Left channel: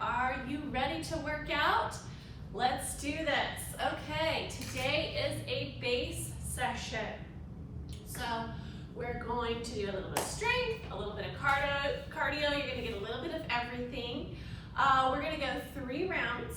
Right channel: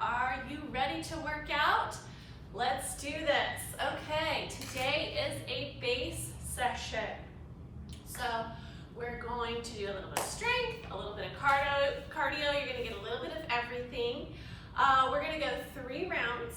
Are you ready to work out? Let's do this. Okay, today is a base session. So we're going to do a little bit of strength, a little bit of cardio. You're going to get a little bit of everything. We're going to go 3 rounds.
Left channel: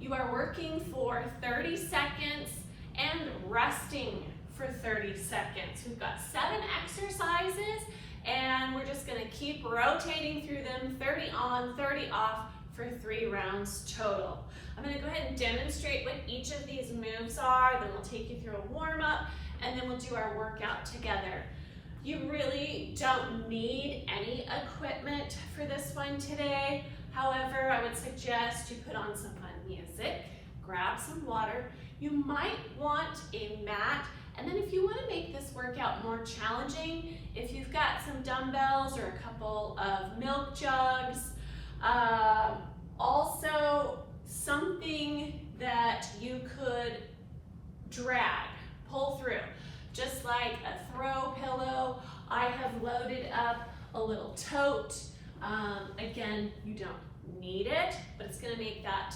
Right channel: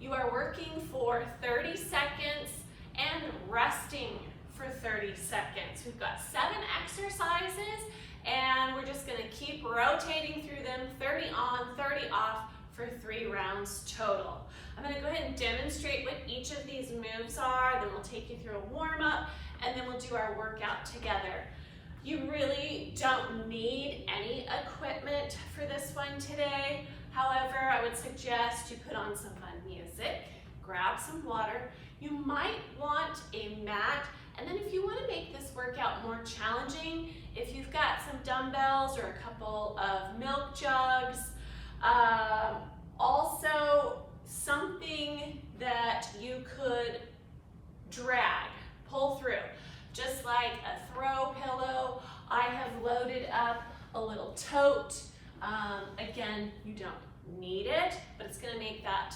You are working for 30 seconds and resting for 30 seconds. We've got 7 exercises and we're just going to keep rotating through them, 30 on, 30 off for 3 rounds total. I'm going to go ahead and demonstrate what each of these moves are, then we'll take you through a warm-up, and then we'll do our workout together. You really don't need any equipment for this one today. However, I would suggest you put on some fun music, grab some water. You might want a mat, and then if you want to make this workout more challenging, if you've got some dumbbells or a couple of milk jugs, also something that you could drag, pull through, just like a throw pillow. I have loaded up a little tote. Again, you don't need it, but it's going to make that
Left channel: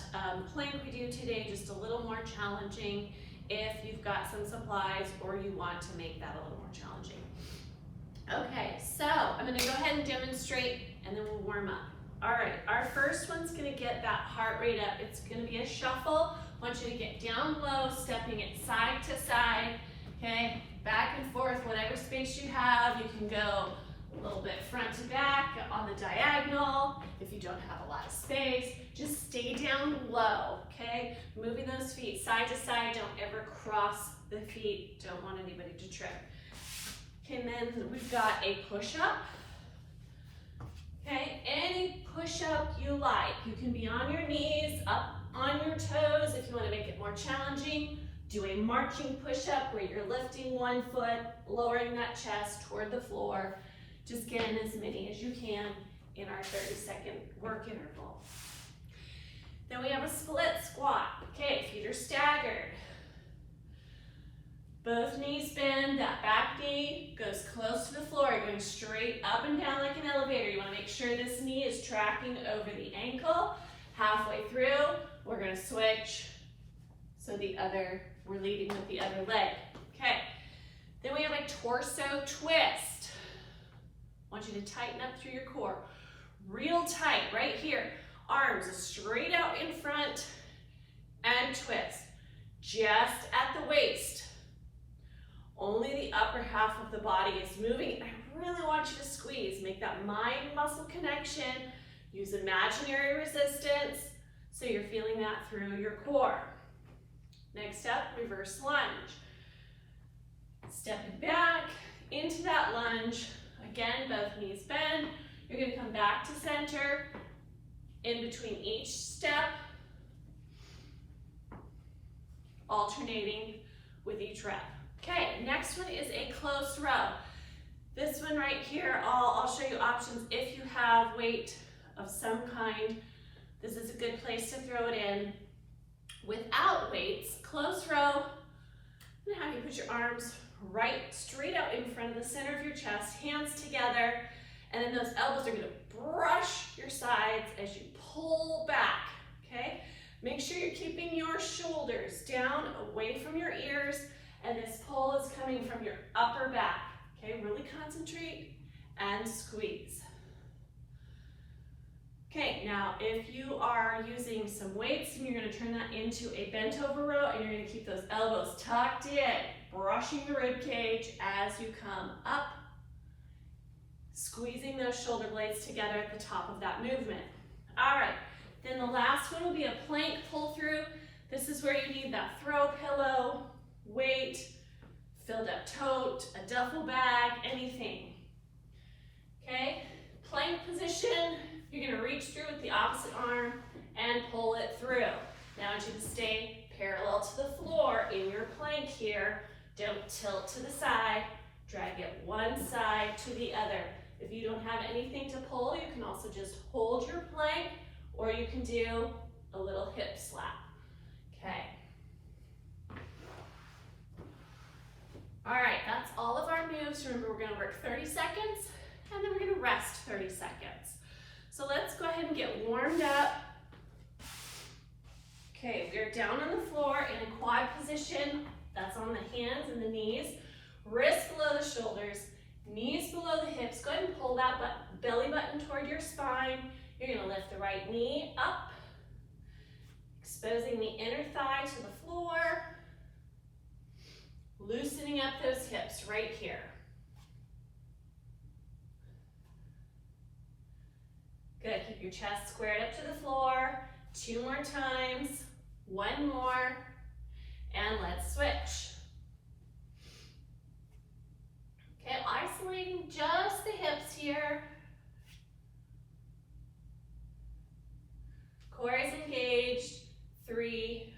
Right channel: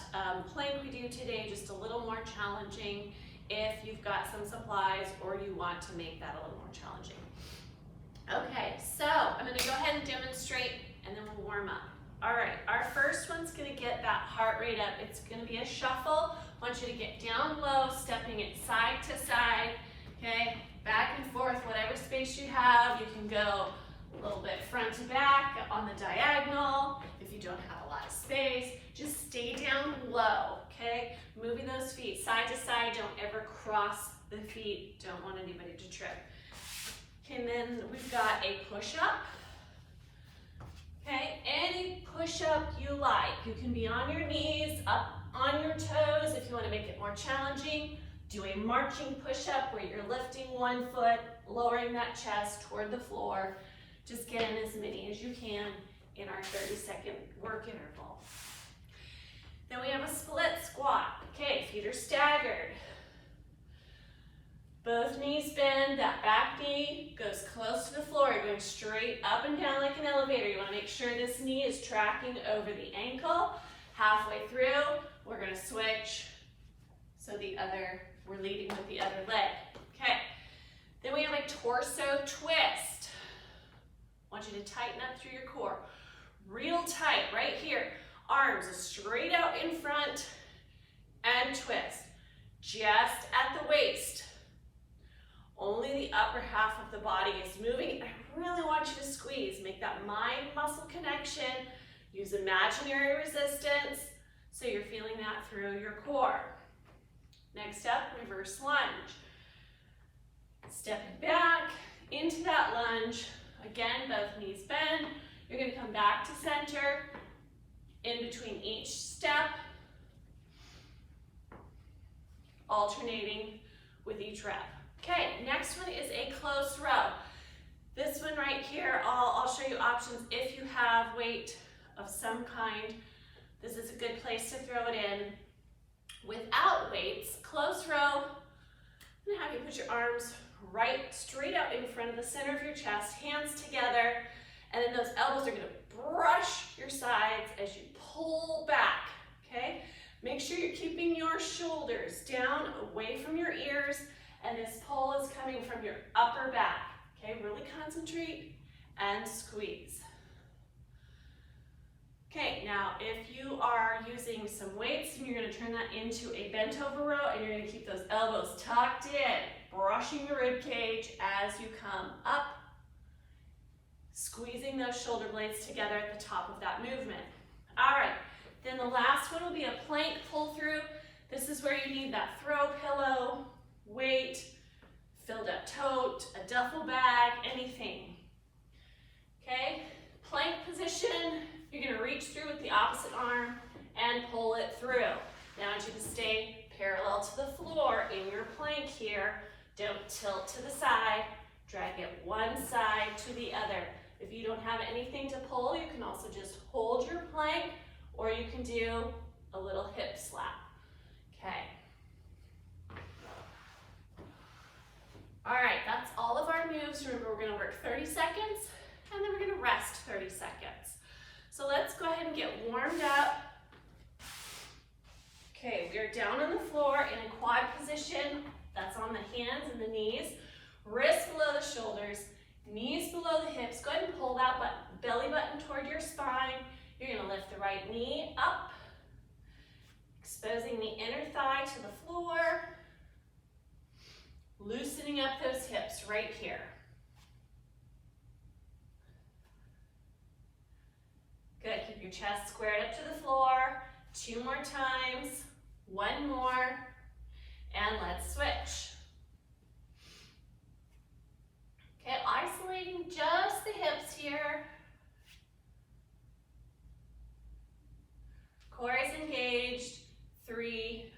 plank we do today just a little more challenging if you've got some supplies or you want to make that a little more challenging. Okay, so I'm going to go ahead and demonstrate and then we'll warm up. All right, our first one's going to get that heart rate up. It's going to be a shuffle. I want you to get down low, stepping it side to side, okay? Back and forth, whatever space you have. You can go a little bit front to back on the diagonal. If you don't have a lot of space, just stay down low, okay? Moving those feet side to side. Don't ever cross the feet. Don't want anybody to trip. Okay, and then we've got a push-up. Okay, any push-up you like. You can be on your knees, up on your toes if you want to make it more challenging. Do a marching push-up where you're lifting one foot, lowering that chest toward the floor. Just get in as many as you can in our 30-second work interval. Then we have a split squat. Okay, feet are staggered. Both knees bend, that back knee goes close to the floor. You're going straight up and down like an elevator. You want to make sure this knee is tracking over the ankle. Halfway through, we're going to switch so we're leading with the other leg. Okay, then we have a torso twist. I want you to tighten up through your core. Real tight right here. Arms straight out in front and twist. Just at the waist. Only the upper half of the body is moving. I really want you to squeeze. Make that mind-muscle connection. Use imaginary resistance so you're feeling that through your core. Next up, reverse lunge. Stepping back into that lunge. Again, both knees bend. You're going to come back to center in between each step, alternating with each rep. Okay, next one is a close row. This one right here, I'll show you options if you have weight of some kind. This is a good place to throw it in. Without weights, close row, I'm going to have you put your arms right straight out in front of the center of your chest, hands together, and then those elbows are going to brush your sides as you pull back, okay? Make sure you're keeping your shoulders down away from your ears, and this pull is coming from your upper back, okay? Really concentrate and squeeze. Okay, now if you are using some weights, then you're going to turn that into a bent over row, and you're going to keep those elbows tucked in, brushing the rib cage as you come up, squeezing those shoulder blades together at the top of that movement. All right, then the last one will be a plank pull through. This is where you need that throw pillow, weight, filled up tote, a duffel bag, anything. Okay, plank position. You're going to reach through with the opposite arm and pull it through. Now I want you to stay parallel to the floor in your plank here. Don't tilt to the side. Drag it one side to the other. If you don't have anything to pull, you can also just hold your plank, or you can do a little hip slap. Okay. All right, that's all of our moves. Remember, we're going to work 30 seconds, and then we're going to rest 30 seconds. So let's go ahead and get warmed up Okay, we are down on the floor in a quad position. That's on the hands and the knees. Wrists below the shoulders, knees below the hips. Go ahead and pull that belly button toward your spine. You're gonna lift the right knee up, exposing the inner thigh to the floor, loosening up those hips right here. Good, keep your chest squared up to the floor. 2 more times, 1 more, and let's switch. Okay, isolating just the hips here. Core is engaged. 3,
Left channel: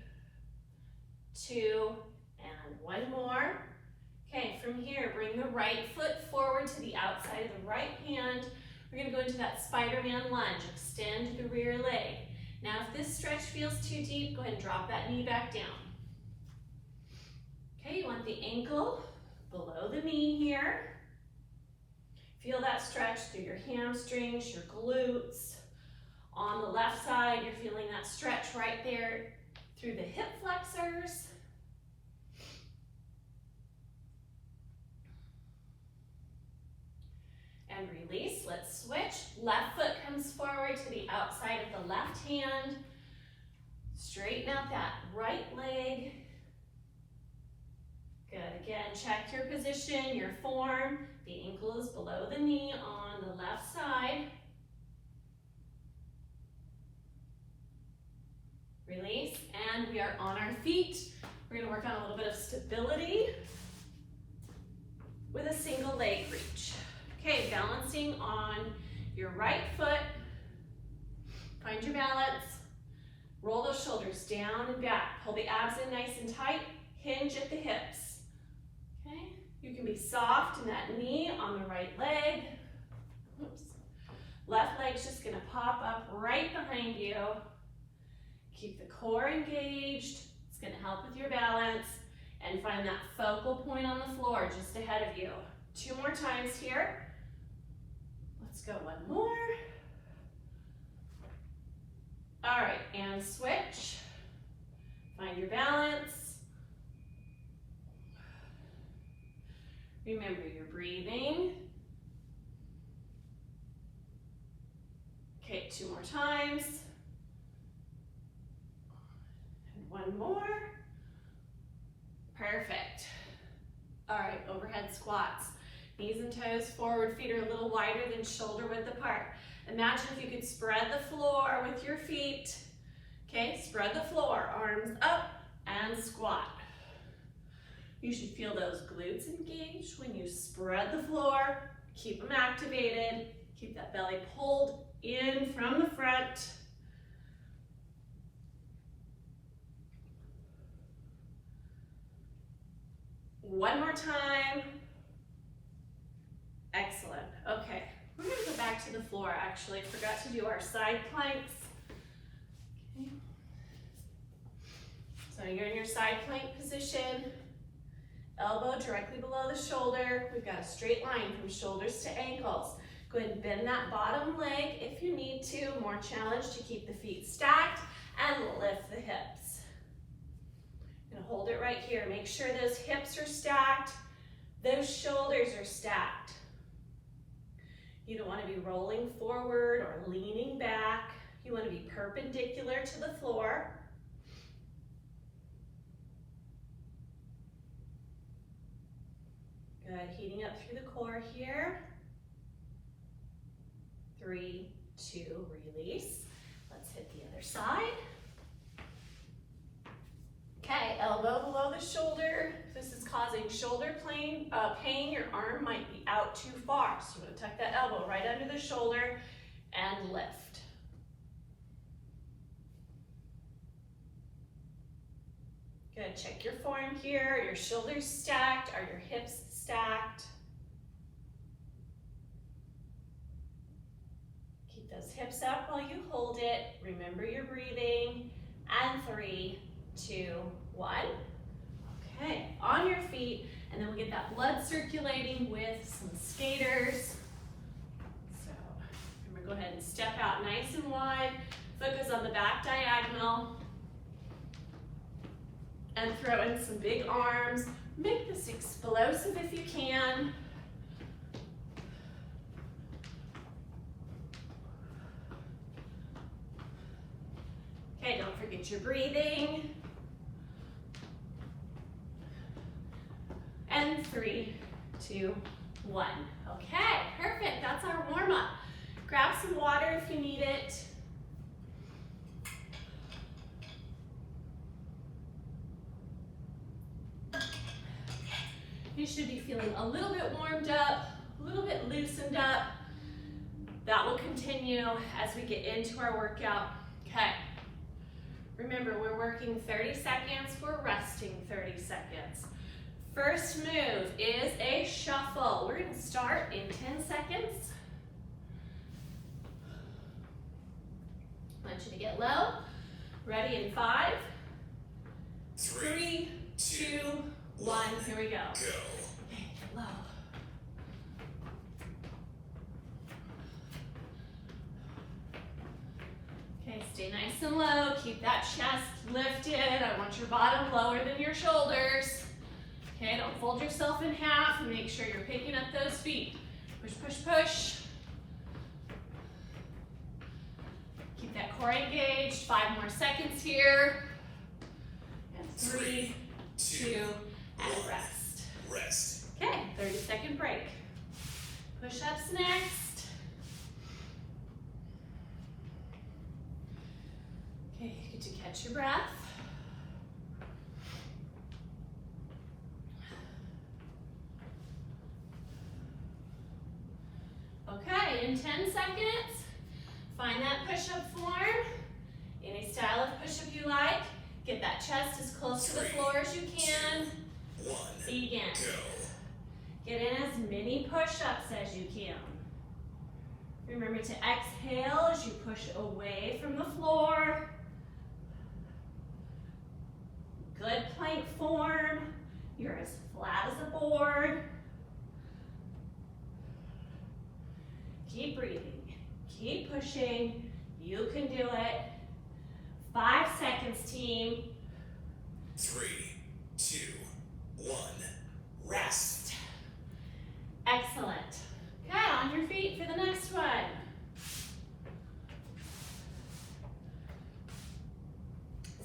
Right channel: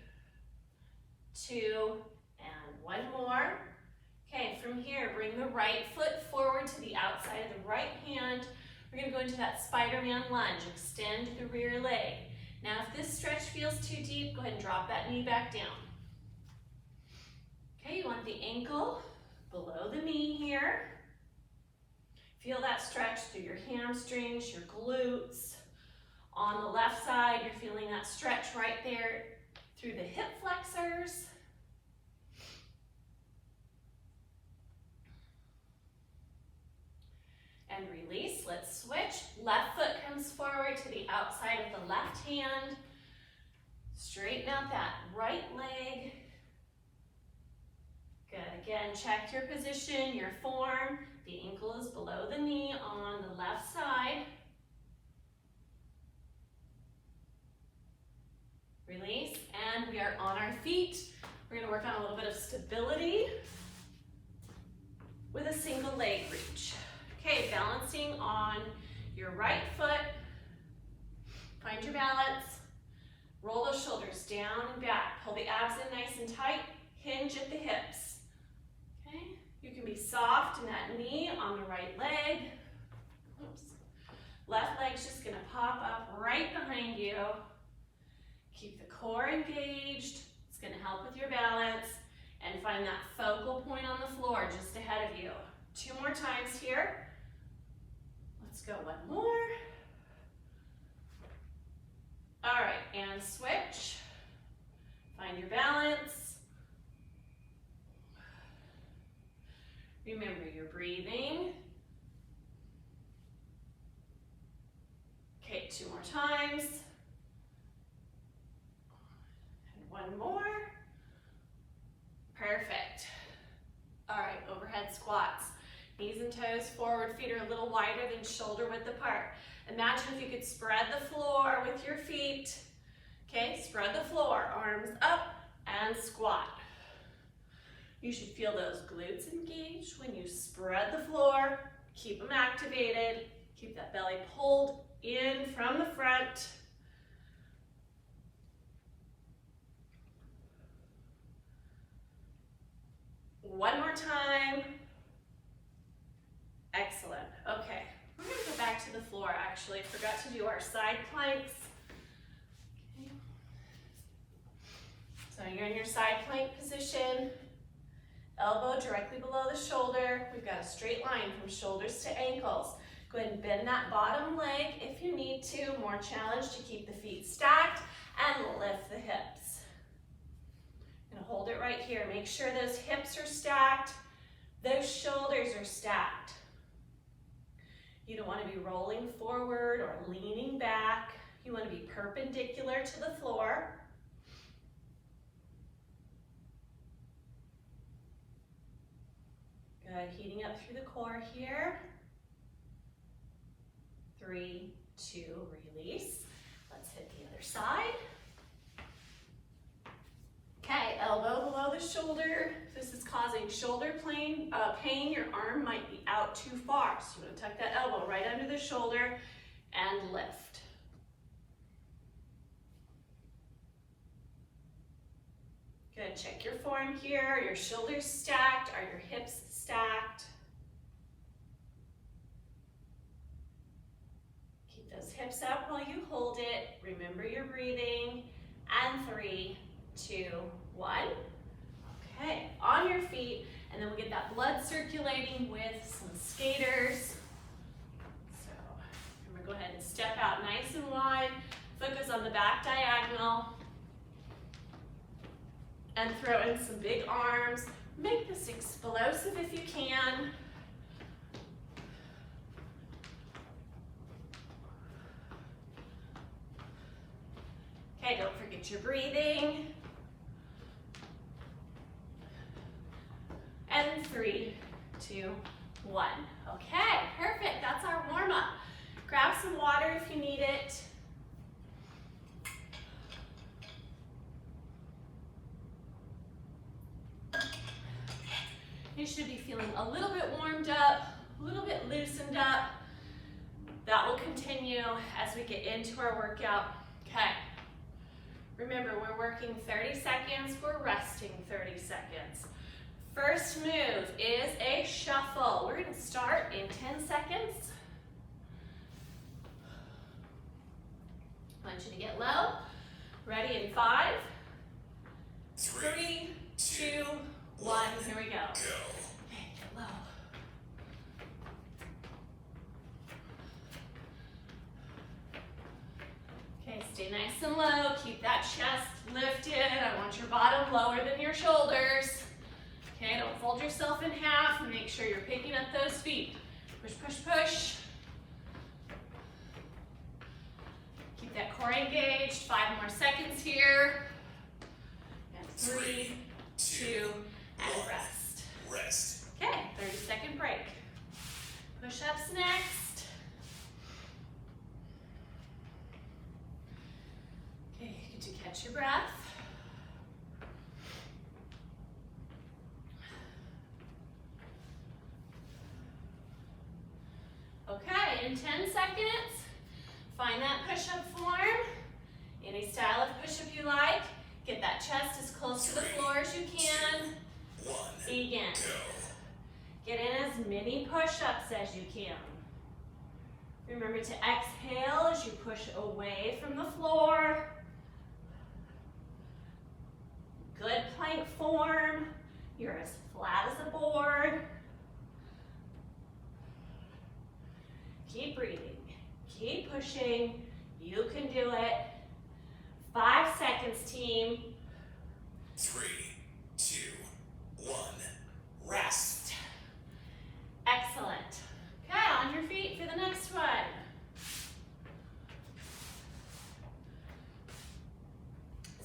2, and 1 more. Okay, from here, bring the right foot forward to the outside of the right hand. We're gonna go into that Spider-Man lunge. Extend the rear leg. Now, if this stretch feels too deep, go ahead and drop that knee back down. Okay, you want the ankle below the knee here. Feel that stretch through your hamstrings, your glutes. On the left side, you're feeling that stretch right there through the hip flexors. And release, let's switch. Left foot comes forward to the outside of the left hand. Straighten out that right leg. Good, again, check your position, your form. The ankle is below the knee on the left side. Release, and we are on our feet. We're gonna work on a little bit of stability with a single leg reach. Okay, balancing on your right foot. Find your balance. Roll those shoulders down and back. Pull the abs in nice and tight. Hinge at the hips. Okay, you can be soft in that knee on the right leg. Oops. Left leg's just gonna pop up right behind you. Keep the core engaged. It's gonna help with your balance. And find that focal point on the floor just ahead of you. 2 more times here. Let's go 1 more. All right, and switch. Find your balance. Remember your breathing. Okay, 2 more times. And 1 more. Perfect. All right, overhead squats. Knees and toes forward, feet are a little wider than shoulder width apart. Imagine if you could spread the floor with your feet. Okay, spread the floor, arms up and squat. You should feel those glutes engaged when you spread the floor. Keep them activated. Keep that belly pulled in from the front. One more time. Excellent. Okay, we're going to go back to the floor. Actually, forgot to do our side planks. Okay. So you're in your side plank position. Elbow directly below the shoulder. We've got a straight line from shoulders to ankles. Go ahead and bend that bottom leg if you need to. More challenge to keep the feet stacked and lift the hips. Gonna hold it right here. Make sure those hips are stacked. Those shoulders are stacked. You don't want to be rolling forward or leaning back. You want to be perpendicular to the floor. Good, heating up through the core here. 3, 2, release. Let's hit the other side. Okay, elbow below the shoulder. If this is causing shoulder pain, your arm might be out too far. So you want to tuck that elbow right under the shoulder and lift. Good, check your form here. Are your shoulders stacked? Are your hips stacked? Keep those hips up while you hold it. Remember your breathing. And 3, 2, 1. Okay, on your feet, and then we'll get that blood circulating with some skaters. So remember, go ahead and step out nice and wide. Foot goes on the back diagonal. and throw in some big arms. Make this explosive if you can. Okay, don't forget your breathing. And 3, 2, 1. Okay, perfect. That's our warm-up. Grab some water if you need it. You should be feeling a little bit warmed up, a little bit loosened up. That will continue as we get into our workout. Okay. Remember, we're working 30 seconds, we're resting 30 seconds. First move is a shuffle. We're gonna start in 10 seconds. I want you to get low. Ready in 5, 3, 2, 1. Here we go. Okay, get low. Okay, stay nice and low. Keep that chest lifted. I want your bottom lower than your shoulders. Okay, don't fold yourself in half. Make sure you're picking up those feet. Push, push, push. Keep that core engaged. 5 more seconds here. And 3, 2, and rest. Rest. Okay, 30-second break. Push-ups next. Okay, you get to catch your breath. Okay, in 10 seconds, find that push-up form. Any style of push-up you like. Get that chest as close to the floor as you can. 1. Begin. Go. Get in as many push-ups as you can. Remember to exhale as you push away from the floor. Good plank form. You're as flat as a board. Keep breathing. Keep pushing. You can do it. 5 seconds, team. 3, 2, 1. Rest. Excellent. Okay, on your feet for the next one.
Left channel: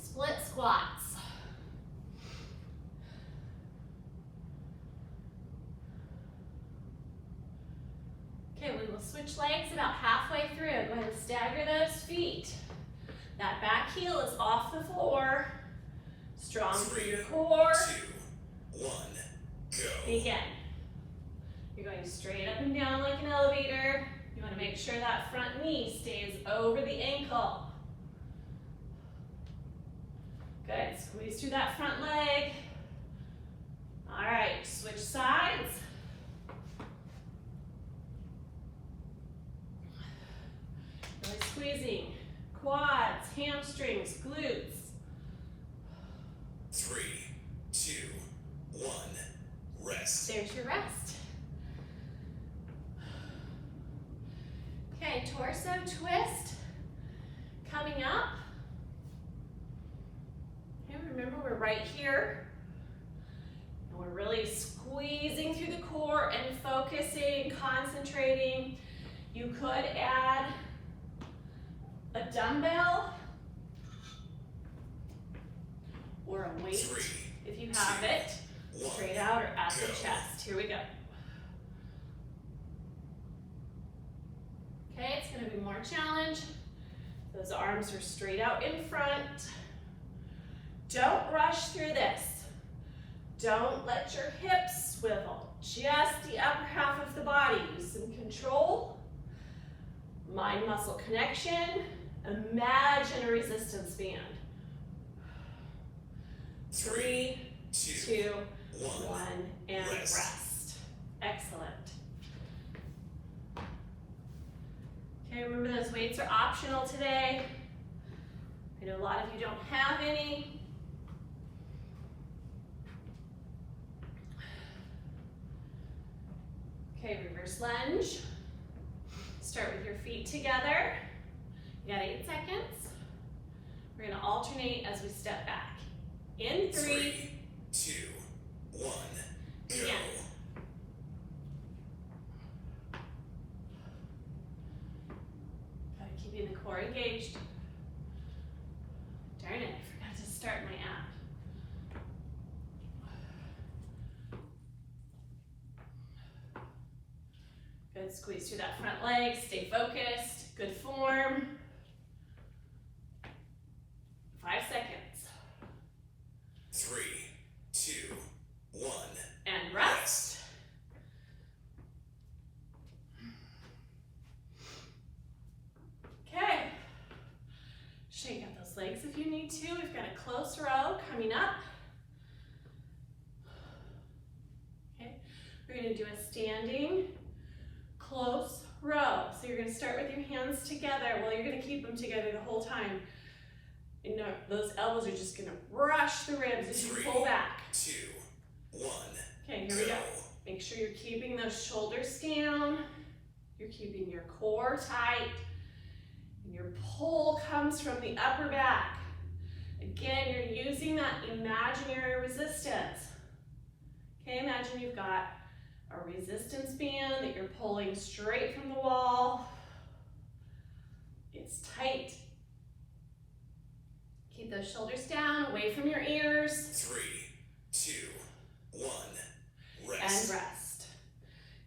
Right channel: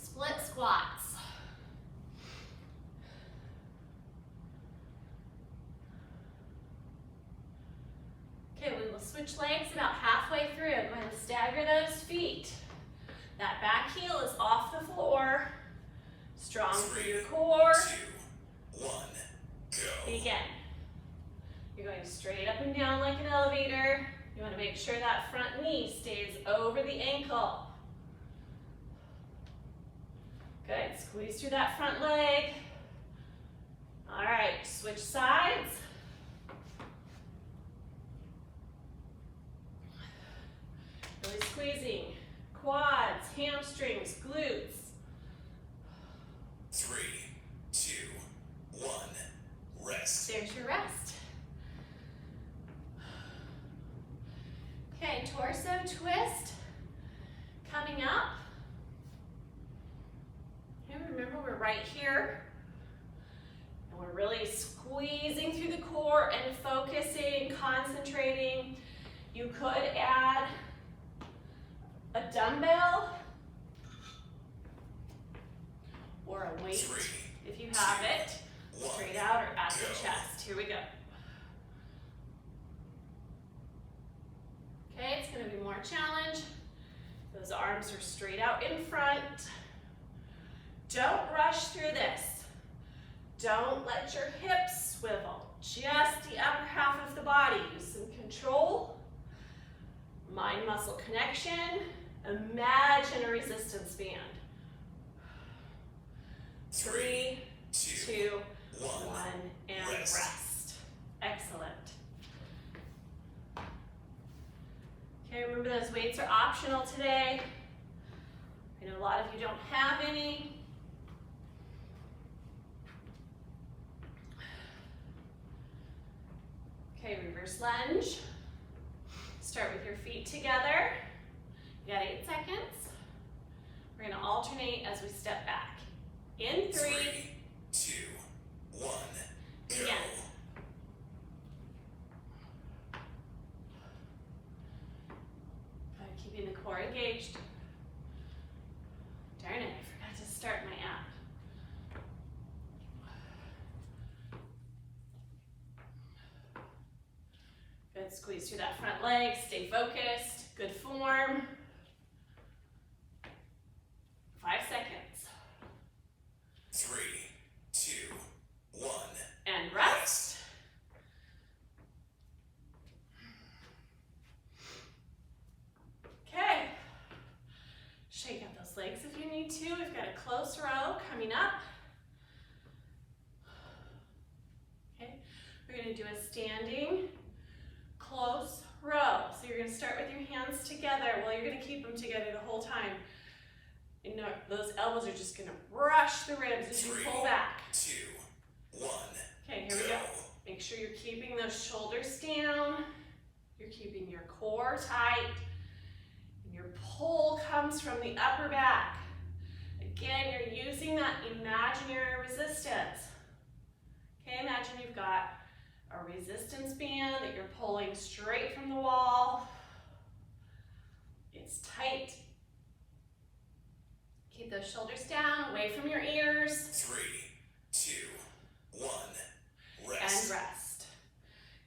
Split squats. Okay, we will switch legs about halfway through. Go ahead and stagger those feet. That back heel is off the floor. Strong through your core. 2, 1. Go. Again. You're going straight up and down like an elevator. You want to make sure that front knee stays over the ankle. Good. Squeeze through that front leg. All right, switch sides. Really squeezing quads, hamstrings, glutes. 3, 2, 1. Rest. There's your rest. Okay, torso twist. Coming up. Okay, remember we're right here. And we're really squeezing through the core and focusing, concentrating. You could add a dumbbell or a weight 3, if you have it. 1. Straight out or at the chest. Here we go. Okay, it's going to be more challenge. Those arms are straight out in front. Don't rush through this. Don't let your hips swivel. Just the upper half of the body. Use some control. Mind-muscle connection. Imagine a resistance band. 3, 2, 1, and rest. Excellent. Okay, remember those weights are optional today. I know a lot of you don't have any. Okay, reverse lunge. Start with your feet together. You got 8 seconds. We're gonna alternate as we step back. In 3, 3, 2, 1, go. Again. Keeping the core engaged. Darn it, I forgot to start my app. Good, squeeze through that front leg, stay focused, good form. 5 seconds. 3, 2, 1. And rest. Okay. Shake out those legs if you need to. We've got a close row coming up. Okay, we're gonna do a standing close row. So you're gonna start with your hands together. Well, you're gonna keep them together the whole time. You know, those elbows are just gonna brush the ribs as you 3, pull back. 2, 1. Okay, here we go. Make sure you're keeping those shoulders down. You're keeping your core tight. And your pull comes from the upper back. Again, you're using that imaginary resistance. Okay, imagine you've got a resistance band that you're pulling straight from the wall. It's tight. Keep those shoulders down, away from your ears. 3, 2, 1. And Rest. rest.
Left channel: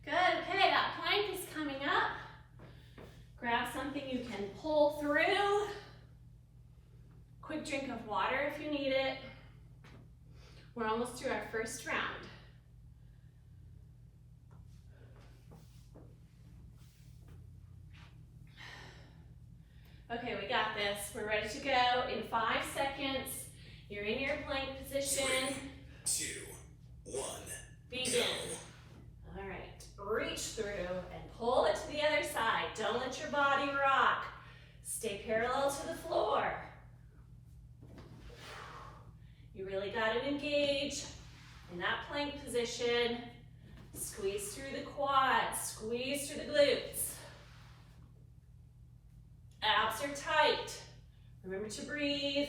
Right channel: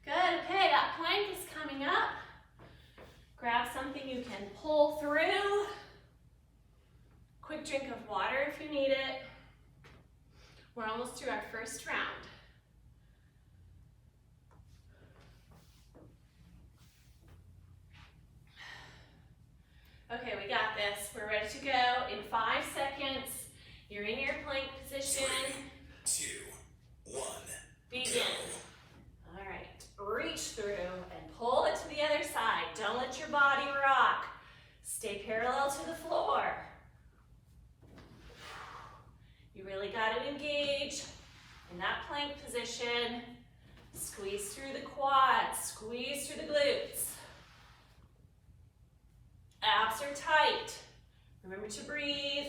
Good, okay, that plank is coming up. Grab something you can pull through. Quick drink of water if you need it. We're almost through our first round. Okay, we got this. We're ready to go. In 5 seconds, you're in your plank position. 3, 2, 1. Begin. Go. All right, reach through and pull it to the other side. Don't let your body rock. Stay parallel to the floor. You really got to engage in that plank position. Squeeze through the quads, squeeze through the glutes. Abs are tight. Remember to breathe.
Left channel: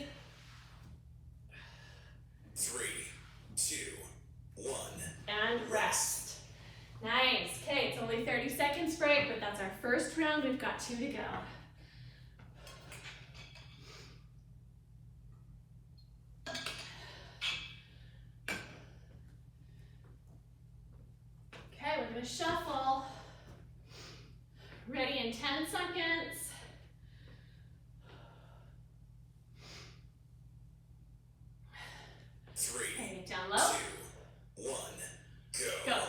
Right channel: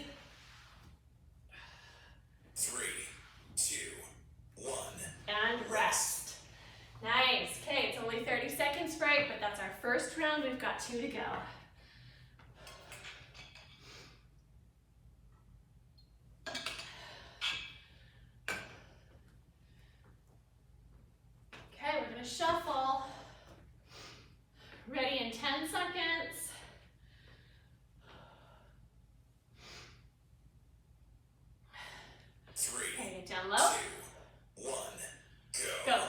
3, 2, 1. And rest. Nice. Okay, it's only 30 seconds break, but that's our first round. We've got 2 to go. Okay, we're gonna shuffle. Ready in 10 seconds. 3, Okay, get down 2, low. 1. Go. Go.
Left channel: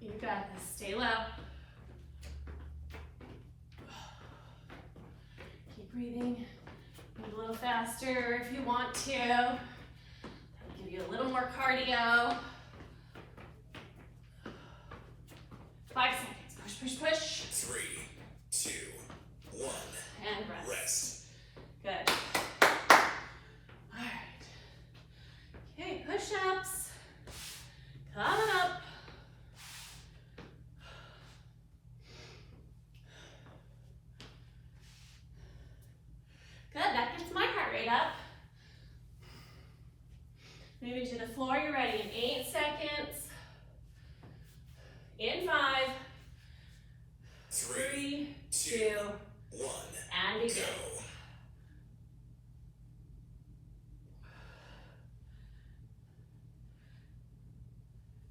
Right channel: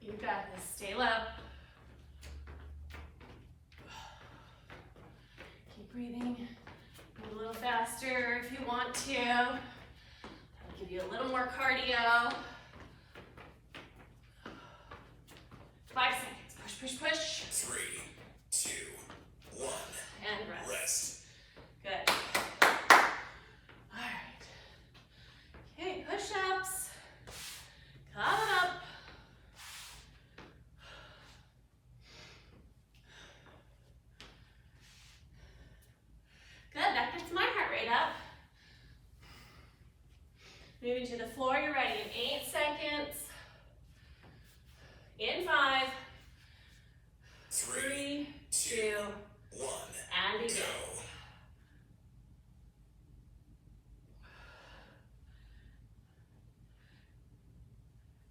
You got this. Stay low. Keep breathing. Move a little faster if you want to. That'll give you a little more cardio. 5 seconds. Push, push, push. 3, 2, 1. And rest. Rest. Good. All right. Okay, push-ups. Coming up. Good, that gets my heart rate up. Moving to the floor, you're ready in 8 seconds. In 5, 3, 2, 1. and begin. Go.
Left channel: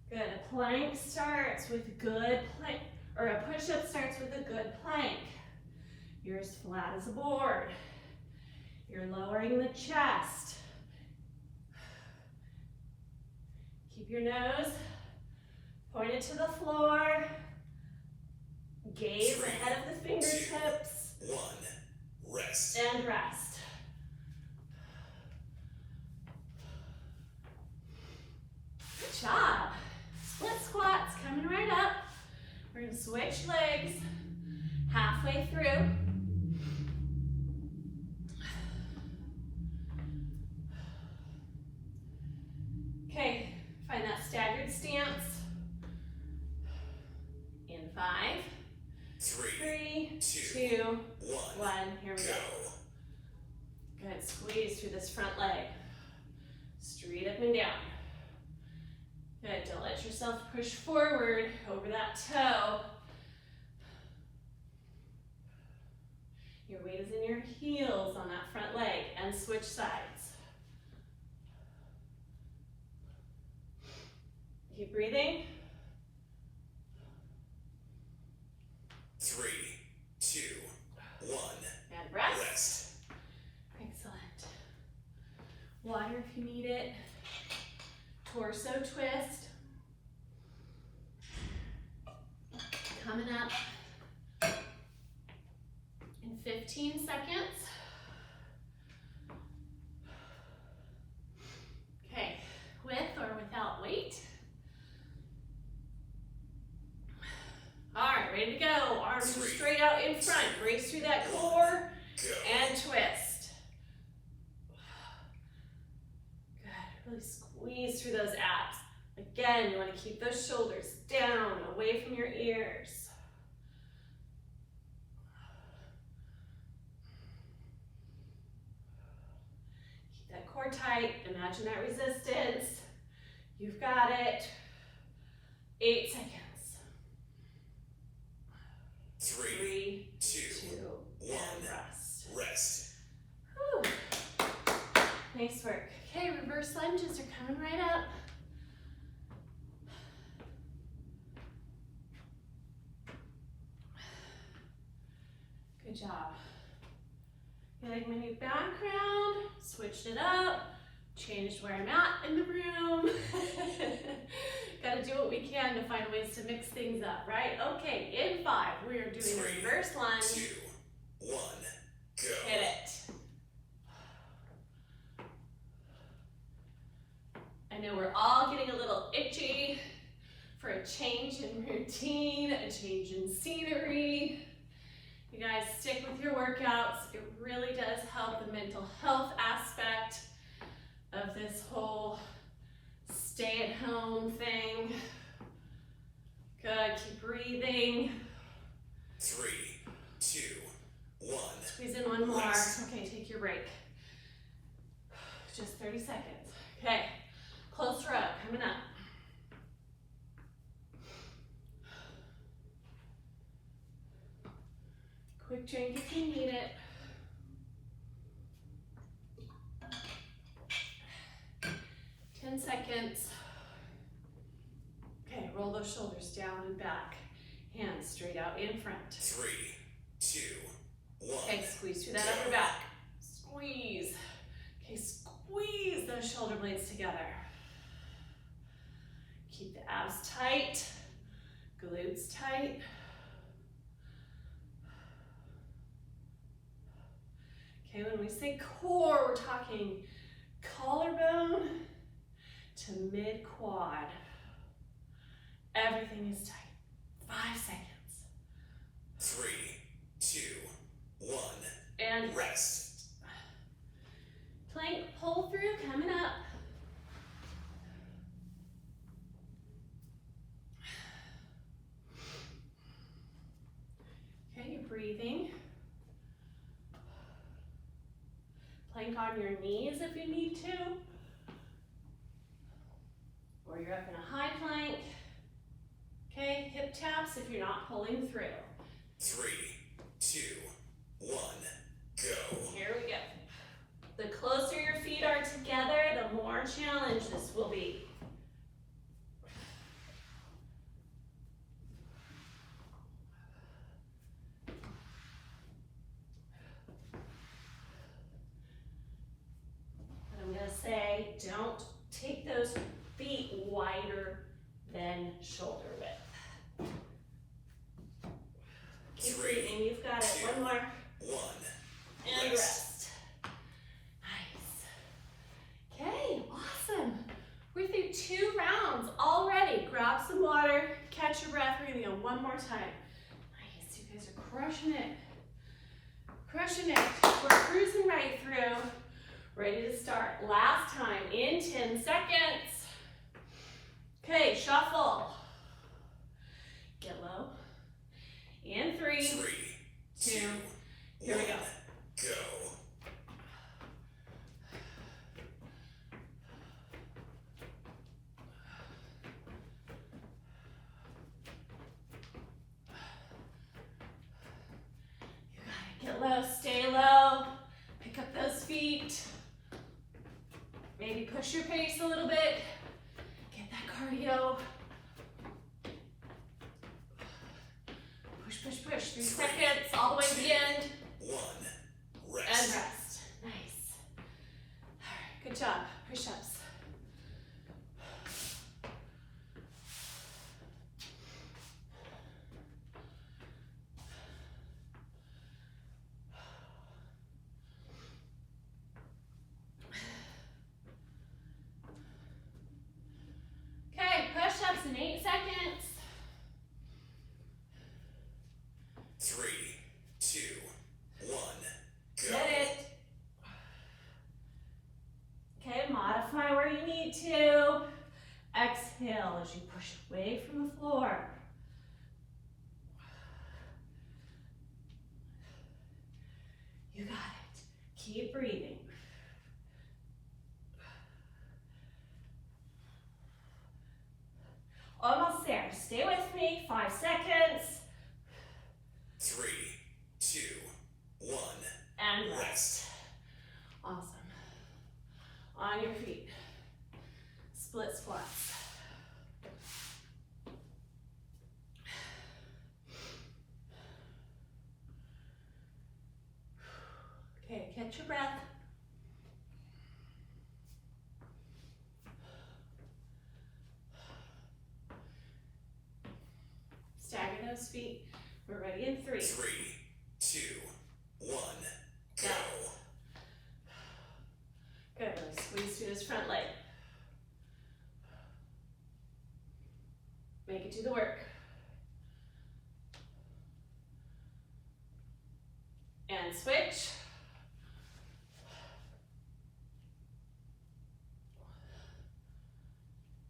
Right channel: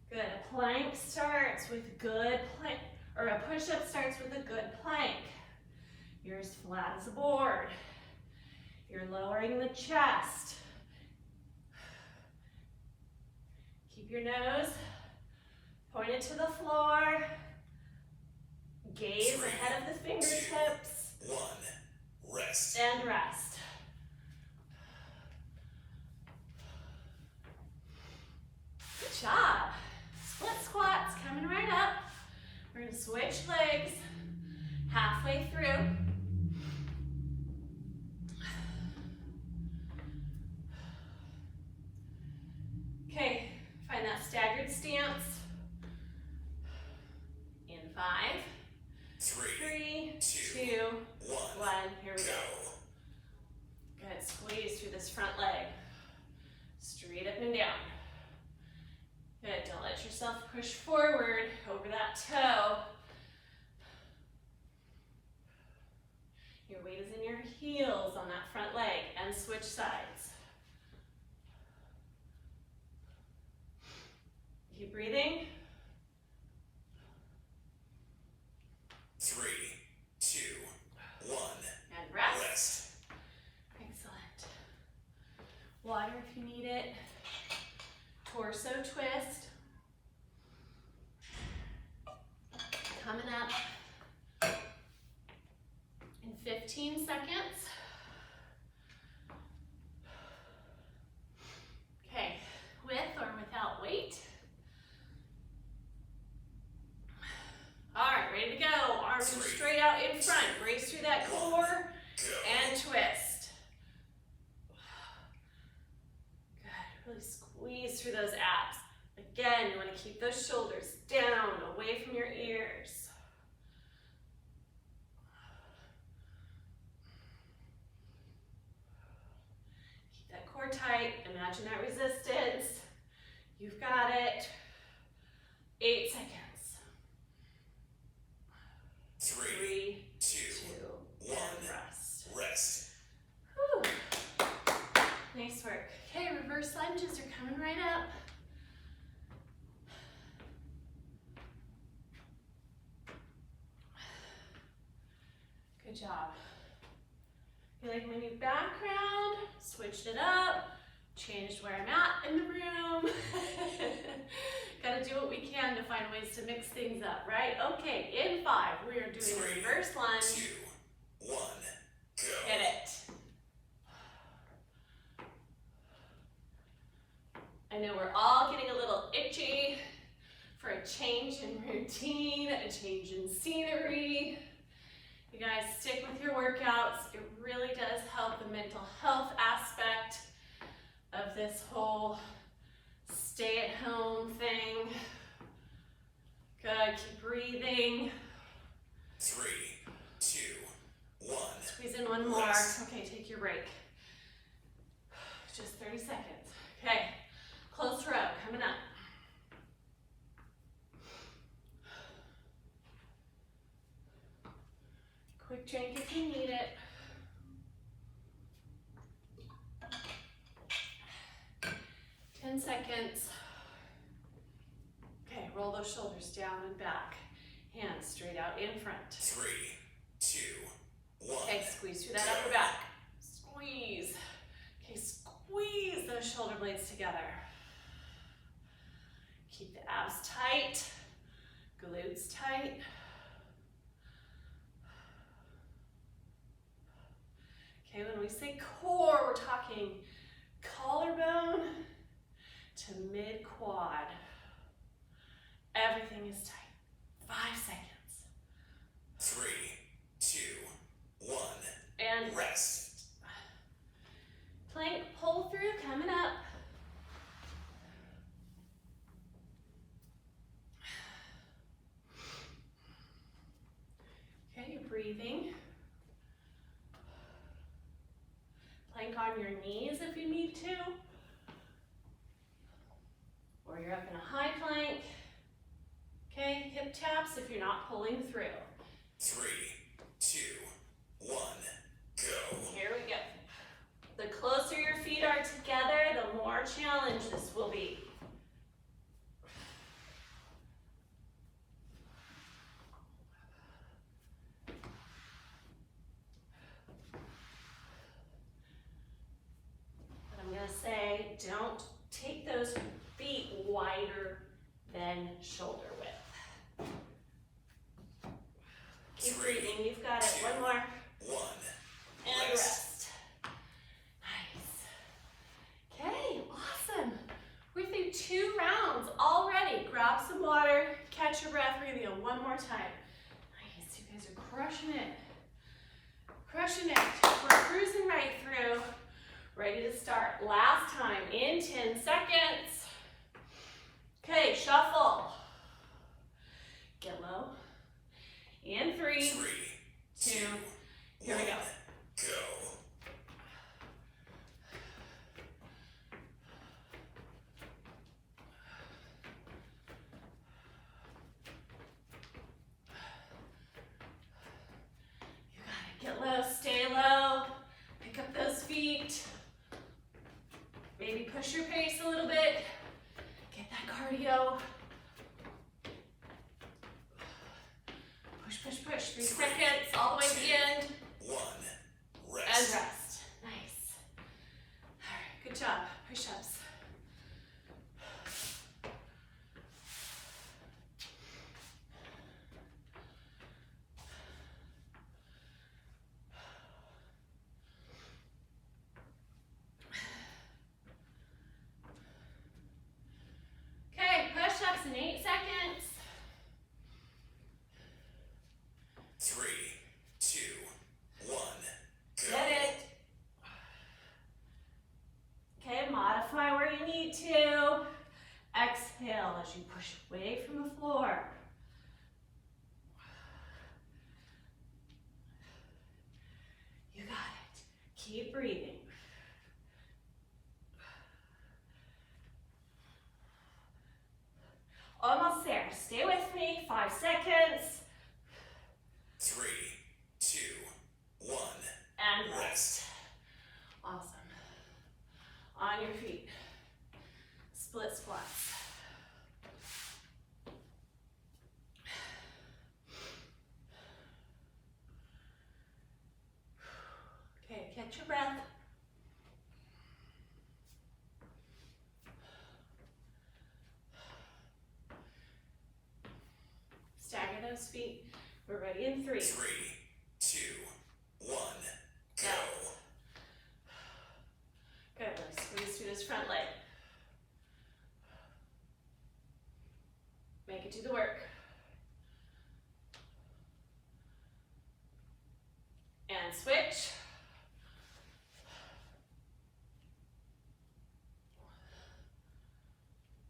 Good, a plank starts with good plank, or a push-up starts with a good plank. You're as flat as a board. You're lowering the chest. Keep your nose pointed to the floor. Gaze 3, ahead of the fingertips. 2, 1. Rest. And rest. Good job. Split squats coming right up. We're going to switch legs halfway through. Okay, find that staggered stance. In 5, Three, 3, 2, 1, 1. Here we go. Good. Squeeze through this front leg. Straight up and down. Good. Don't let yourself push forward over that toe. Your weight is in your heels on that front leg, and switch sides. Keep breathing. 3, 2, 1. And rest. Rest. Excellent. Water if you need it. Torso twist. Coming up in 15 seconds. Okay, with or without weight. All right, ready to go. Arms are straight out in front. Brace through that core Go. and twist. Good, really squeeze through those abs. Again, you want to keep those shoulders down, away from your ears. Keep that core tight. Imagine that resistance. You've got it. 8 seconds. 3, 2, 2, 1. and rest. Rest. Whew. Nice work. Okay, reverse lunges are coming right up. Good job. You like my new background? Switched it up, changed where I'm at in the room. Gotta do what we can to find ways to mix things up, right? Okay, in 5, we are doing a 3, reverse lunge. 2, 1. Go. Get it. I know we're all getting a little itchy for a change in routine, a change in scenery. You guys stick with your workouts. It really does help the mental health aspect of this whole stay-at-home thing. Good, keep breathing. 3, 2, 1. Squeeze in one more. Rest. Okay, take your break. Just 30 seconds. Okay, closer up, coming up. Quick drink if you need it. Ten seconds. Okay, roll those shoulders down and back. Hands straight out in front. 3, 2, 1. Okay, squeeze through that upper back. Squeeze. Okay, squeeze those shoulder blades together. Keep the abs tight, glutes tight. Okay, when we say core, we're talking collarbone to mid-quad. Everything is tight. 5 seconds. 3, 2, 1. And rest. Plank pull through coming up. Okay, you're breathing. Plank on your knees if you need to. Or you're up in a high plank. Okay, hip taps if you're not pulling through. 3, 2, 1. Go. Here we go. The closer your feet are together, the more challenge this will be. But I'm gonna say, don't take those feet wider than shoulder width. Keep 3, breathing, you've got it. 2, One more. 1. And rest. Nice. Okay, awesome. We're through 2 rounds already. Grab some water, catch your breath. We're gonna go one more time. Nice, you guys are crushing it. Crushing it. We're cruising right through. Ready to start. Last time in 10 seconds. Okay, shuffle. Get low. In 3, 3, 2, here we go. Go. Get low, stay low, pick up those feet. Maybe push your pace a little bit. Get that cardio. Push, push, push. 3 seconds, all the way to the end. 1. And Rest. rest. Nice. All right, good job. Push-ups. Okay, push-ups in 8 seconds. 3, 2, 1. Go. Get it. Okay, modify where you need to. Exhale as you push away from the floor. You got it. Keep breathing. Almost there. Stay with me. 5 seconds. 3, 2, 1. And rest. Awesome. On your feet. Split squats. Okay, catch your breath. Stagger those feet. We're ready in 3. 3, 2, 1. Go. Good. Let's squeeze through this front leg. Make it do the work. And switch.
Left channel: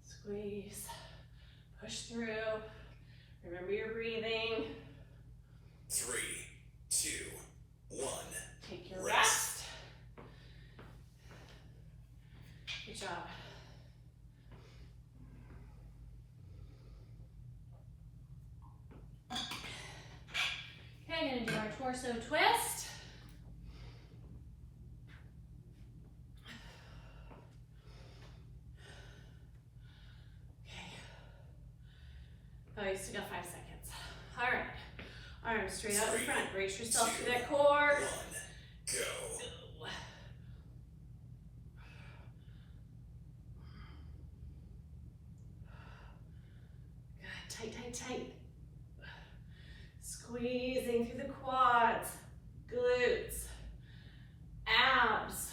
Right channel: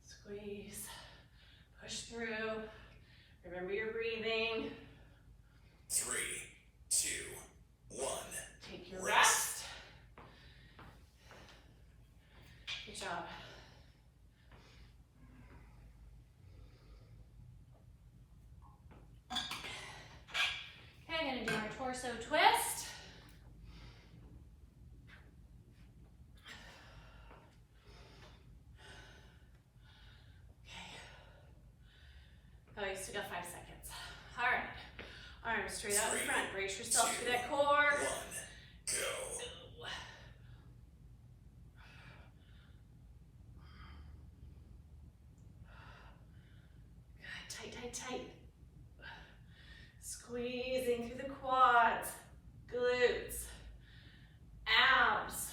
Squeeze. Push through. Remember your breathing. 3, 2, 1. Take your rest. Good job. Okay, gonna do our torso twist. Okay. Oh, you still got 5 seconds. All right. Arms straight out in front. Brace yourself through that core. 1. Go. Good. Tight, tight, tight. Squeezing through the quads, glutes, abs.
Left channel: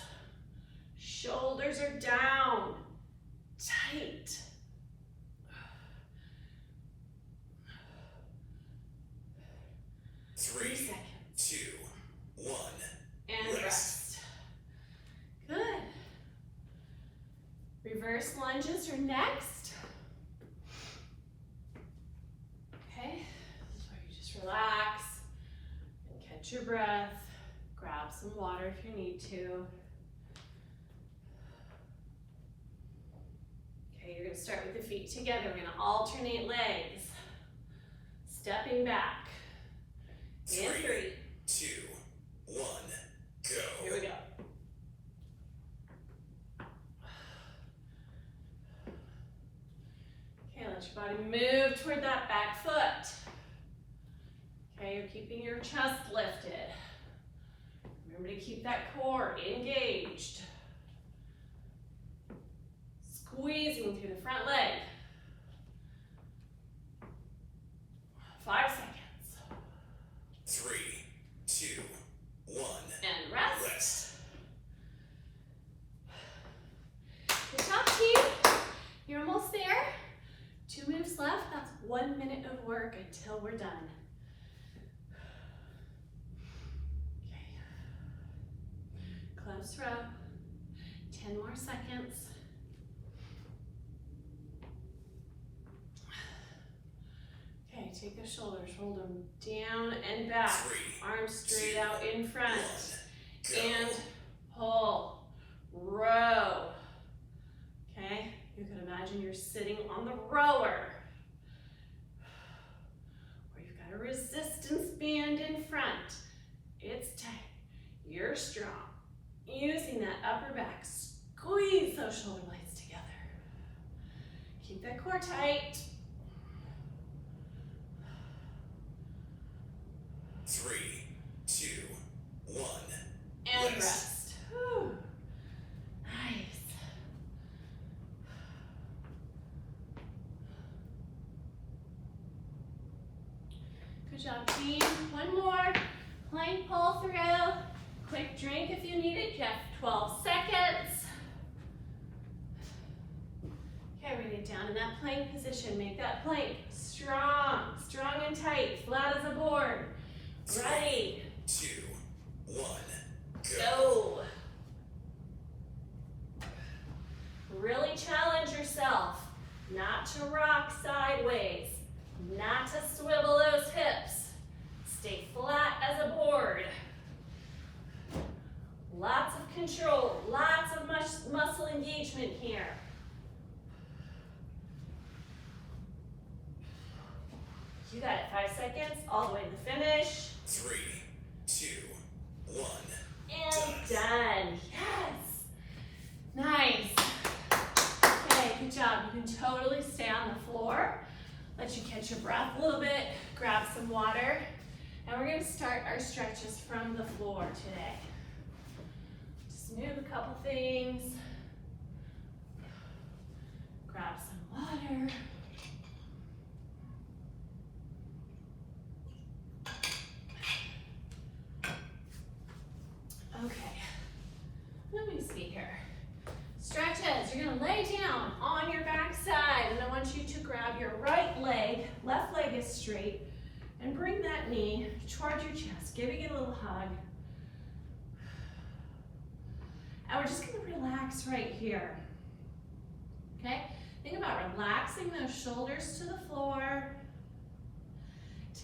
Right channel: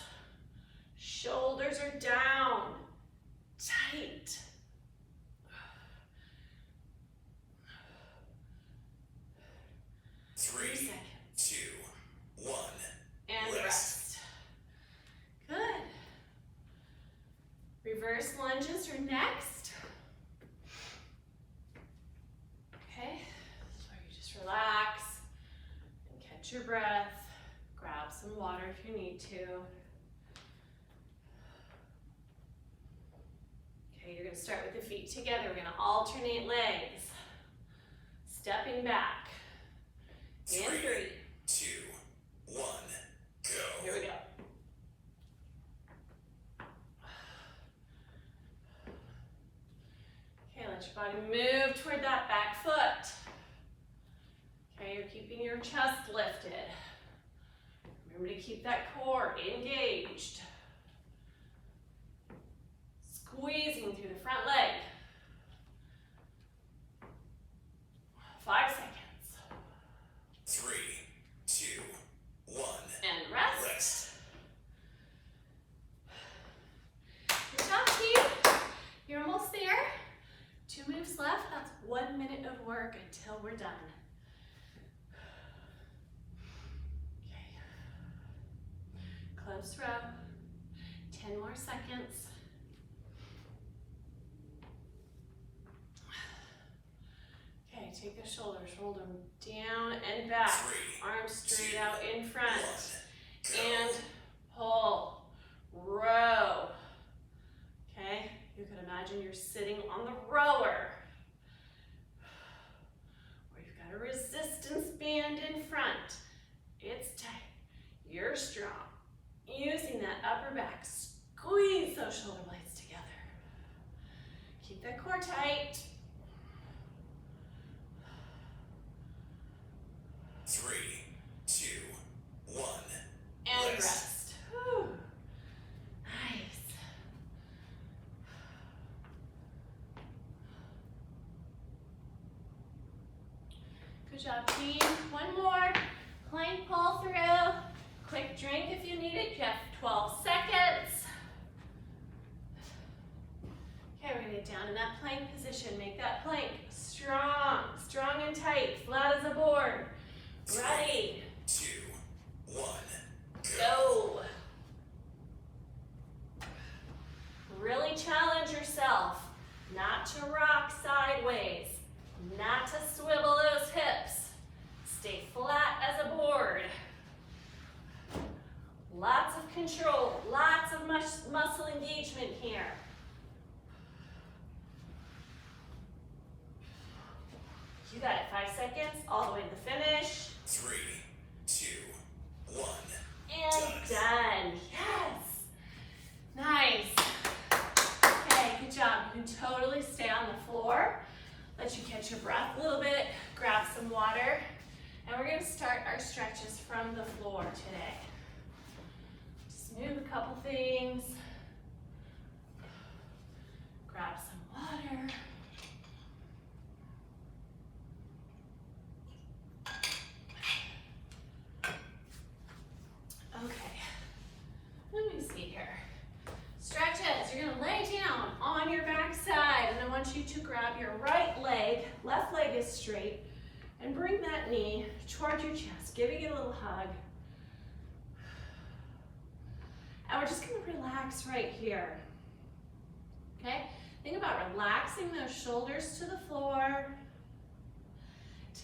Shoulders are down. Tight. Three, 3 seconds. 2, 1. And rest. Good. Reverse lunges are next. Okay, this is where you just relax and catch your breath. Grab some water if you need to. Okay, you're gonna start with the feet together. We're gonna alternate legs. Stepping back. In 3, 2, 1. Go. Here we go. Okay, let your body move toward that back foot. Okay, you're keeping your chest lifted. Remember to keep that core engaged. Squeezing through the front leg. 5 seconds. 3, 2, 1. And rest. Rest. Good job, team. You're almost there. 2 moves left. That's 1 minute of work until we're done. Okay. Close throw. 10 more seconds. Okay, take the shoulders, hold them down and back. 3, Arms straight 2, out in front. 1, go. And pull, row. Okay, you can imagine you're sitting on the rower, where you've got a resistance band in front. It's tight, you're strong. Using that upper back, squeeze those shoulder blades together. Keep that core tight. 3, 2, 1. And rest. Whew. Nice. Good job, team. One more. Plank pull through. Quick drink if you need it. You have 12 seconds. Okay, we're gonna get down in that plank position. Make that plank strong, strong and tight, flat as a board. Ready. 2, 1, go. Go. Really challenge yourself not to rock sideways, not to swivel those hips. Stay flat as a board. Lots of control, lots of muscle engagement here. You got it, 5 seconds, all the way to the finish. 3, 2, 1. And done. Yes. Nice. Okay, good job. You can totally stay on the floor. Let you catch your breath a little bit. Grab some water. And we're going to start our stretches from the floor today. Just move a couple things. Grab some water. Okay, let me see here. Stretches, you're gonna lay down on your back side, and I want you to grab your right leg, left leg is straight, and bring that knee towards your chest, giving it a little hug. And we're just gonna relax right here, okay? Think about relaxing those shoulders to the floor.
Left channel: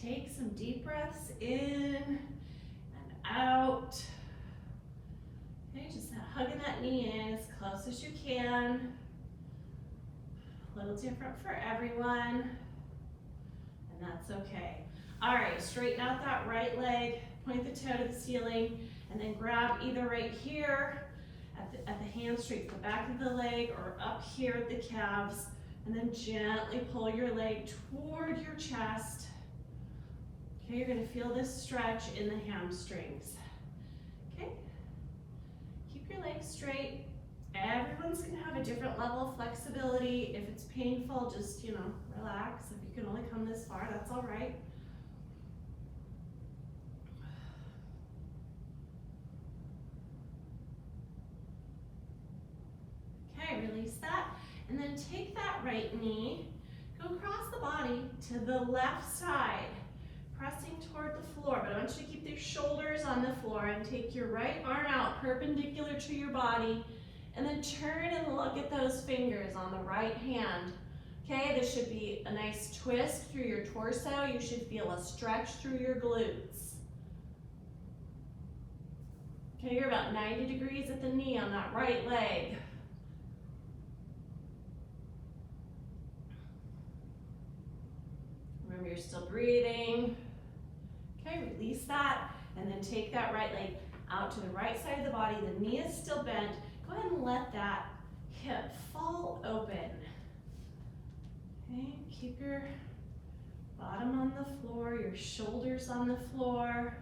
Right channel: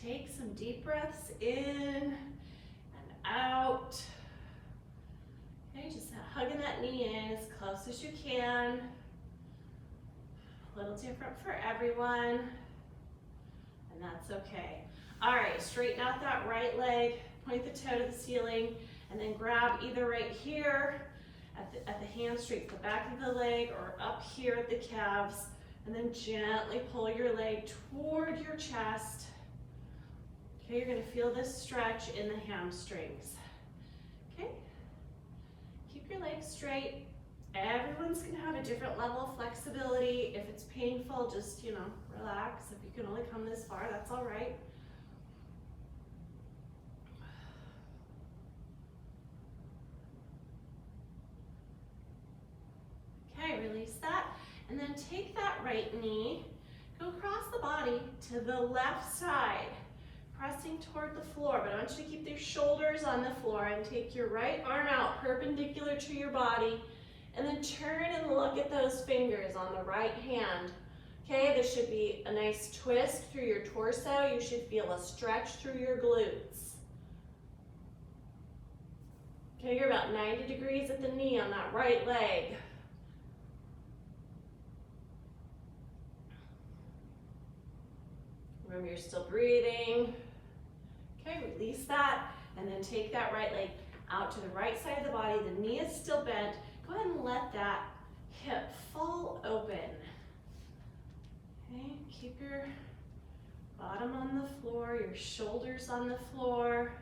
Take some deep breaths in and out. Okay, just hugging that knee in as close as you can. A little different for everyone, and that's okay. All right, straighten out that right leg, point the toe to the ceiling, and then grab either right here at the hamstring, the back of the leg, or up here at the calves, and then gently pull your leg toward your chest. Okay, you're gonna feel this stretch in the hamstrings. Okay. Keep your legs straight. Everyone's gonna have a different level of flexibility. If it's painful, just, relax. If you can only come this far, that's all right. Okay, release that. And then take that right knee, go across the body to the left side, pressing toward the floor, but I want you to keep your shoulders on the floor and take your right arm out perpendicular to your body, and then turn and look at those fingers on the right hand. Okay, this should be a nice twist through your torso. You should feel a stretch through your glutes. Okay, you're about 90 degrees at the knee on that right leg. Remember, you're still breathing. Okay, release that, and then take that right leg out to the right side of the body. The knee is still bent. Go ahead and let that hip fall open. Okay, keep your bottom on the floor, your shoulders on the floor.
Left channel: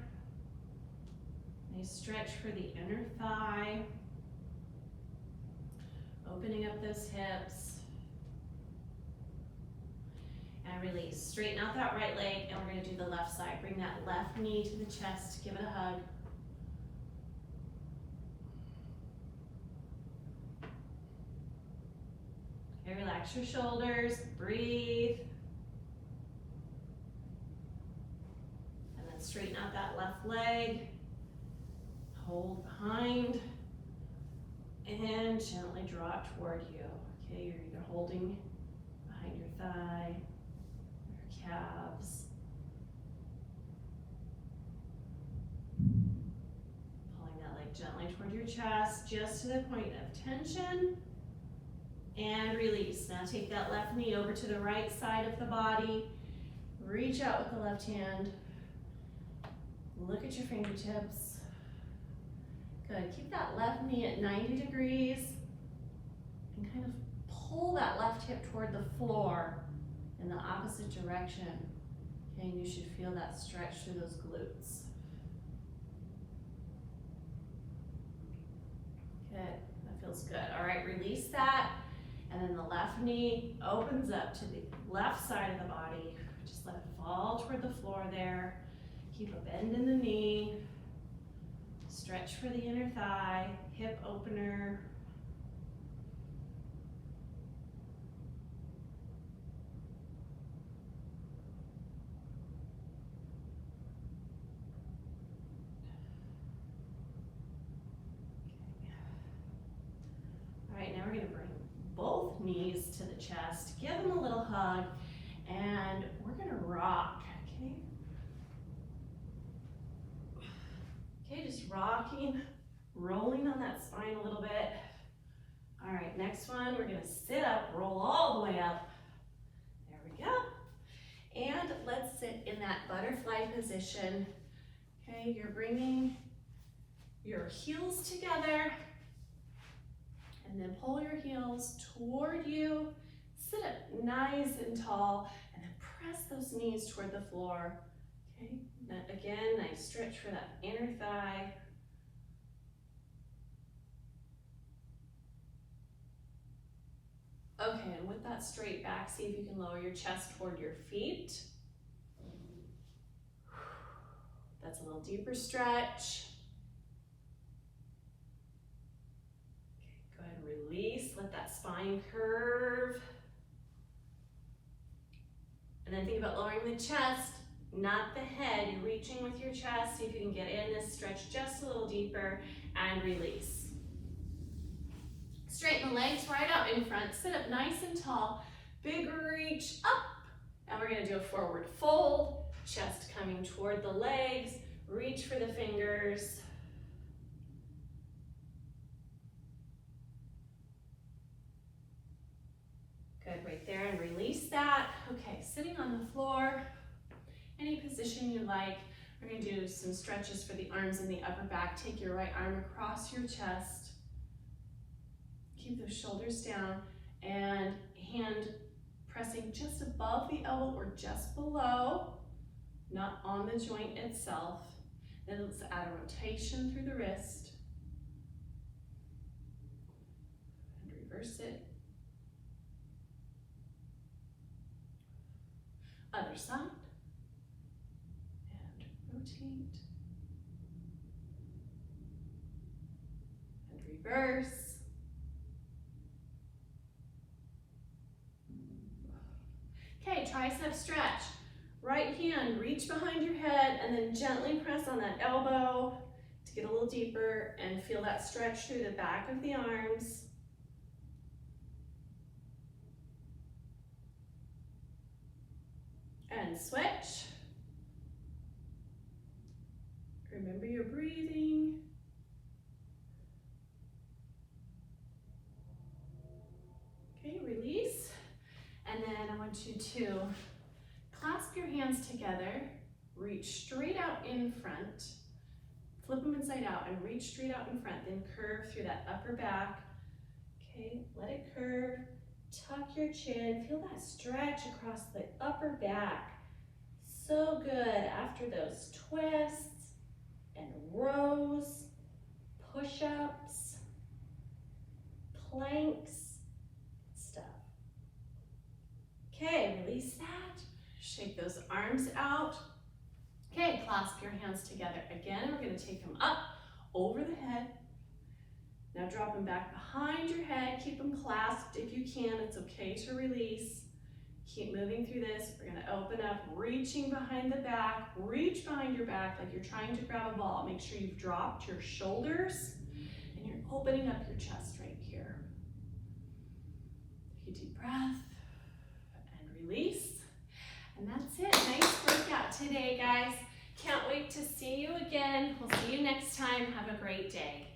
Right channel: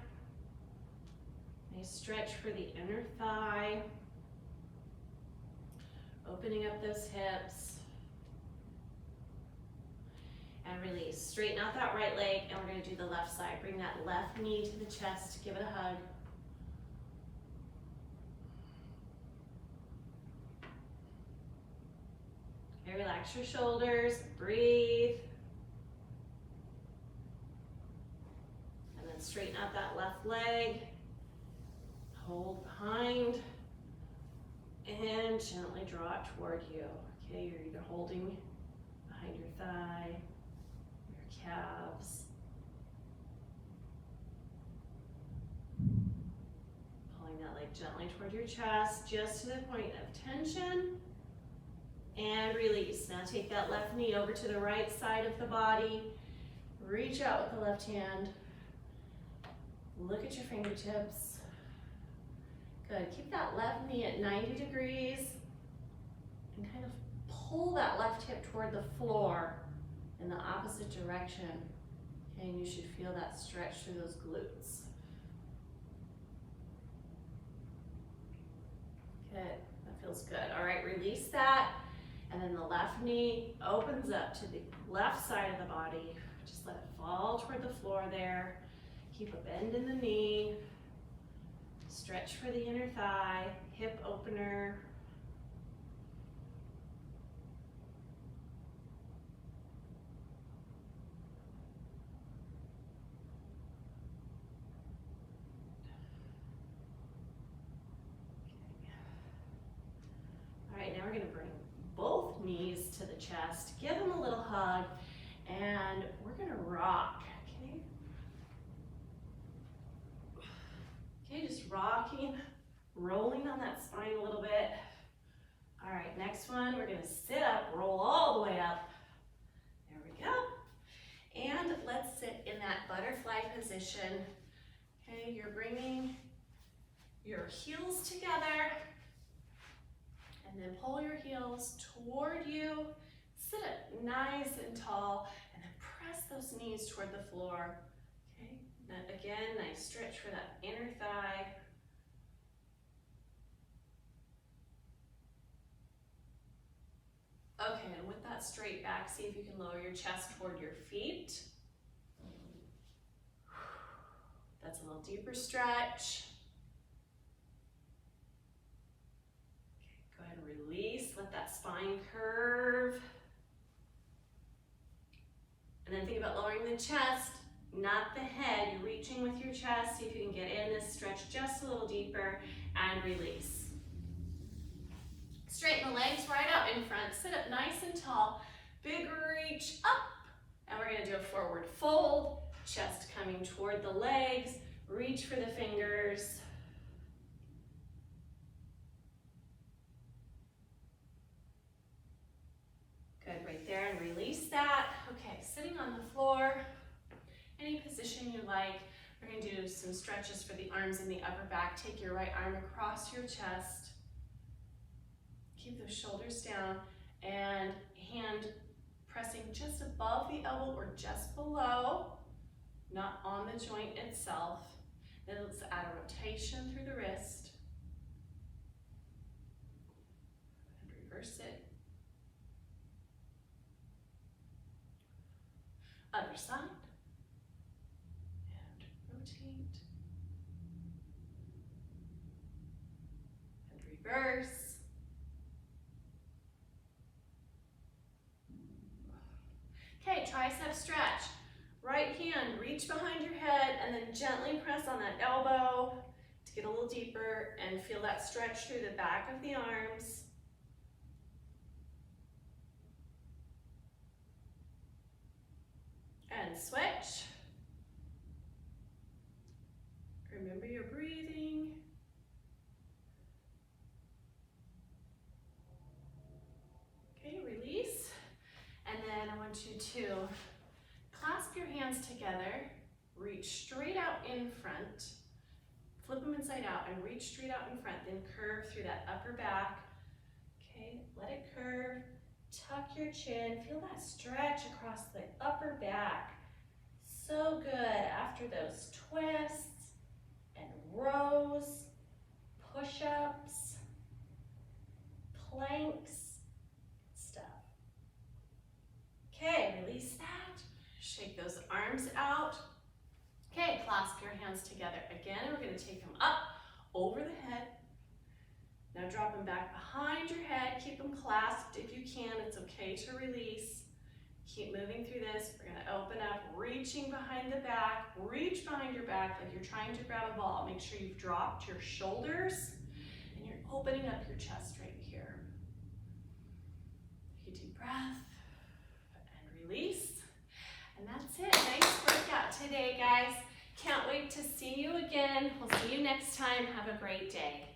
Nice stretch for the inner thigh. Opening up those hips. And release. Straighten out that right leg, and we're going to do the left side. Bring that left knee to the chest. Give it a hug. Okay, relax your shoulders. Breathe. And then straighten out that left leg. Hold behind. And gently draw it toward you. Okay, you're either holding behind your thigh, calves. gently toward your chest, just to the point of tension. And release. Now take that left knee over to the right side of the body. Reach out with the left hand. Look at your fingertips. Good. Keep that left knee at 90 degrees. And kind of pull that left hip toward the floor in the opposite direction. Okay, and you should feel that stretch through those glutes. Good. That feels good. All right, release that. And then the left knee opens up to the left side of the body. Just let it fall toward the floor there. Keep a bend in the knee. Stretch for the inner thigh, hip opener. All right, now we're gonna bring both knees to the chest, give them a little hug, and we're gonna rock, okay? Okay, just rocking, rolling on that spine a little bit. All right, next one, we're gonna sit up, roll all the way up. There we go. And let's sit in that butterfly position. Okay, you're bringing your heels together, and then pull your heels toward you. Sit up nice and tall, and then press those knees toward the floor. Okay, again, nice stretch for that inner thigh. Okay, and with that straight back, see if you can lower your chest toward your feet. That's a little deeper stretch. Go ahead and release, let that spine curve. And then think about lowering the chest, not the head. You're reaching with your chest, see if you can get in this stretch just a little deeper, and release. Straighten the legs right out in front, sit up nice and tall, big reach up, and we're gonna do a forward fold, chest coming toward the legs, reach for the fingers. Good, right there, and release that. Okay, sitting on the floor, any position you like. We're gonna do some stretches for the arms and the upper back. Take your right arm across your chest. Keep those shoulders down, and hand pressing just above the elbow or just below, not on the joint itself. Then let's add a rotation through the wrist. And reverse it. Other side, and rotate, and reverse. Okay, tricep stretch. Right hand, reach behind your head, and then gently press on that elbow to get a little deeper and feel that stretch through the back of the arms. And switch. Remember your breathing. Okay, release. And then I want you to clasp your hands together, reach straight out in front, flip them inside out and reach straight out in front, then curve through that upper back. Okay, let it curve. Tuck your chin, feel that stretch across the upper back. So good after those twists and rows, push-ups, planks, stuff. Okay, release that. Shake those arms out. Okay, clasp your hands together. Again, we're gonna take them up over the head. Now drop them back behind your head. Keep them clasped if you can. It's okay to release. Keep moving through this. We're gonna open up, reaching behind the back. Reach behind your back like you're trying to grab a ball. Make sure you've dropped your shoulders and you're opening up your chest right here. Take a deep breath and release. And that's it. Nice workout today, guys. Can't wait to see you again We'll see you next time. Have a great day.